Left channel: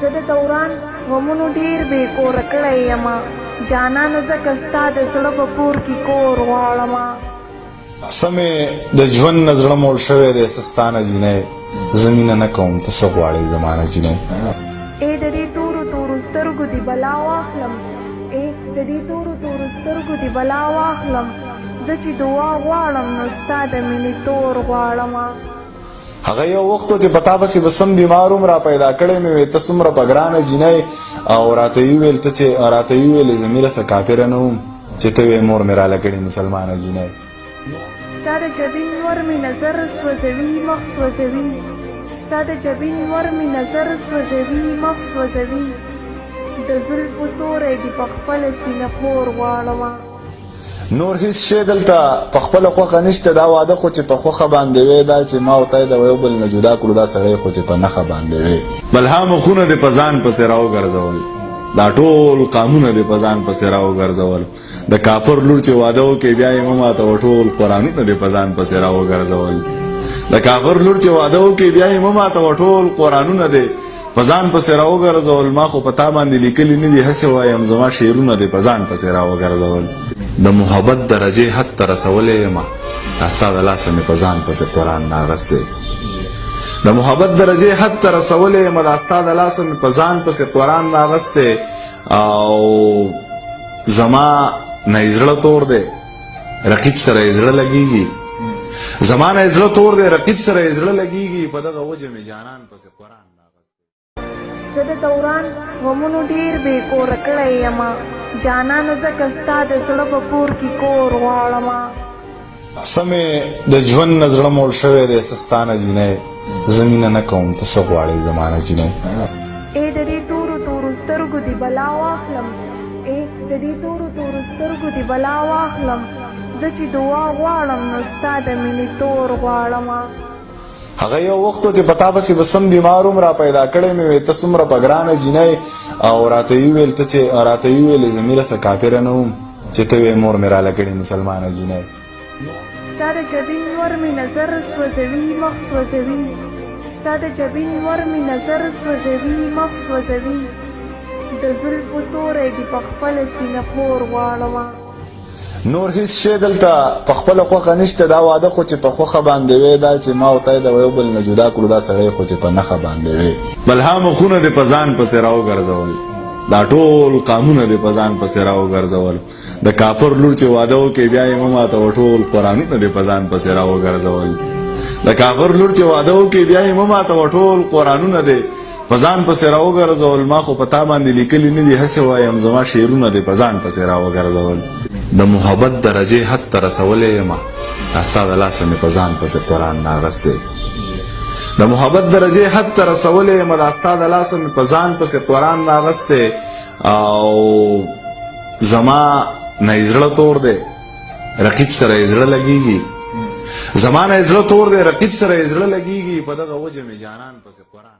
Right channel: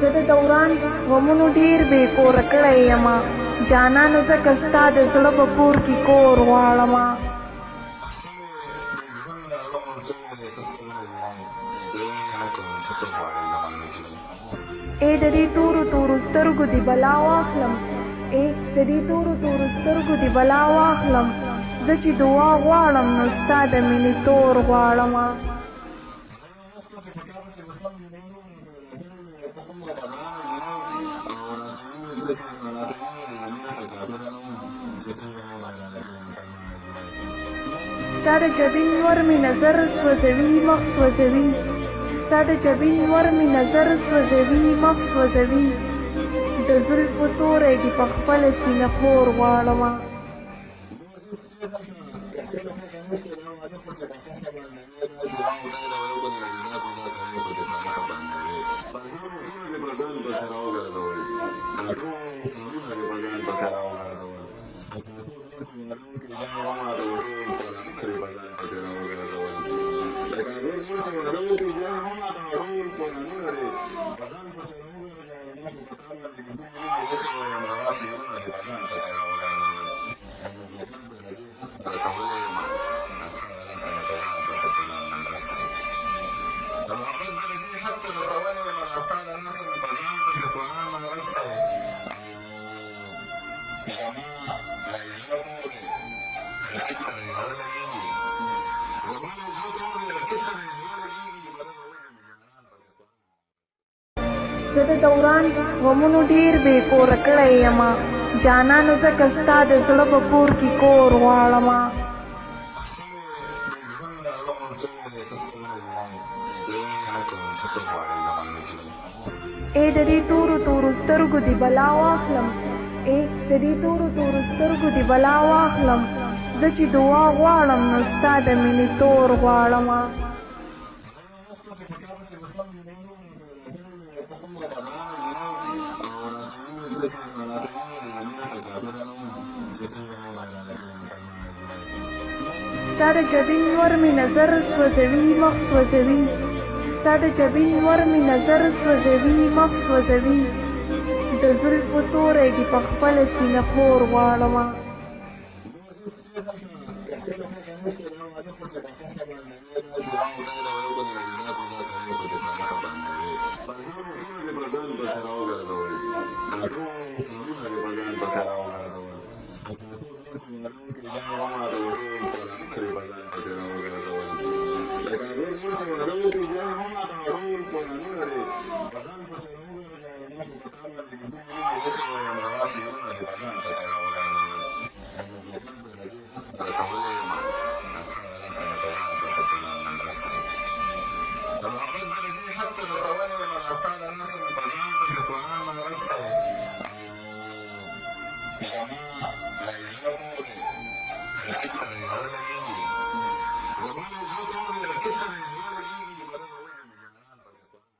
زه د دوران غمونو ډېر بې کوره کړی یمه جانانه ځکه ستا د زړه په کور کې کور غواړمه سمې د ژوند نه زړه موړ شوی دی سستانه جینۍ زه مینه نه کوم ته څه غواړې زما نه جینۍ ای د دې تورو تورو سترګو دې بلا واخلم ای د دې تورو تورو سترګو دې بلا واخلم زه چې دعا غواړم نو ستا د مینې تور غواړمه هغه یو وخت و چې په تا پسې به سم بیمار هم را پیدا کړی مې وې ته څومره په ګرانه جینۍ او راته یې وویل ته چې راته یې وویلې زه میره څه کافره نه وم چې ته وې مور مې راله کړې مسلمانه جینۍ ستا د جبین ور مې نظر سوځوي مخ سوځوي ستا د جبین ور مې نظر سوځوي مخ سوځوي د زلفو سوری دې په خپله سینه خور غواړمه نور هیڅ شی دلته په خپله خوښه نشته دا واده خو چې په خوښه باندې وی دا چې ما او تی د یو بل نه جدا کړو دا سړی خو چې په نښه باندې وی بلها مخونه دې په ځان پسې راوګرځول دا ټول قامونه دې په ځان پسې راوګرځول د کافر لور چې واده وکړي بیا یې مه ماتوه ټول قرآنونه دې په ځان پسې راوګرځول د کافر لور چې واده وکړي بیا یې مه ماتوه ټول قرآنونه دې په ځان پسې راوګرځول ما خو په تا باندې لیکلي نه دي هسې وایم زما شعرونه دې په ځان پسې راوګرځول د محبت درجې حد ته رسولی یمه دا ستا د لاسه مې په ځان پسې قرآن ناغستی د محبت درجې حد ته رسولی یمه دا ستا د لاسه مې په ځان پسې قرآن ناغستی او زما نه یې زړه تور دی رقیب سره یې زړه لګېږي زما نه یې زړه تور دی رقیب سره یې زړه لګېږي په دغه وجه مې جانان پسې قرآن زه د دوران غمونو ډېر بې کوره کړی یمه جانانه ځکه ستا د زړه په کور کې کور غواړمه سمې د ژوند نه زړه موړ شوی دی سستانه جینۍ زه مینه نه کوم ته څه غواړې زما نه جینۍ ای د دې تورو تورو سترګو دې بلا واخلم ای د دې تورو تورو سترګو دې بلا واخلم زه چې دعا غواړم نو ستا د مینې تور غواړمه هغه یو وخت و چې په تا پسې به سم بیمار هم را پیدا کړی مې وې ته څومره په ګرانه جینۍ او راته یې وویل ته چې راته یې وویلې زه میره څه کافره نه وم چې ته وې مور مې راله کړې مسلمانه جینۍ ستا د جبین ور مې نظر سوځوي مخ سوځوي ستا د جبین ور مې نظر سوځوي مخ سوځوي د زلفو سوری دې په خپله سینه خور غواړمه نور هیڅ شی دلته په خپله خوښه نشته دا واده خو چې په خوښه باندې وی دا چې ما او تی د یو بل نه جدا کړو دا سړی خو چې په نښه باندې وی بلها مخونه دې په ځان پسې راوګرځول دا ټول قامونه دې په ځان پسې راوګرځول د کافر لور چې واده وکړي بیا یې مه ماتوه ټول قرآنونه دې په ځان پسې راوګرځول د کافر لور چې واده وکړي بیا یې مه ماتوه ټول قرآنونه دې په ځان پسې راوګرځول ما خو په تا باندې لیکلي نه دي هسې وایم زما شعرونه دې په ځان پسې راوګرځول د محبت درجې حد ته رسولی یمه دا ستا د لاسه مې په ځان پسې قرآن ناغستی د محبت درجې حد ته رسولی یمه دا ستا د لاسه مې په ځان پسې قرآن ناغستی او زما نه یې زړه تور دی رقیب سره یې زړه لګېږي زما نه یې زړه تور دی رقیب سره یې زړه لګېږي په دغه وجه مې جانان پسې قرآن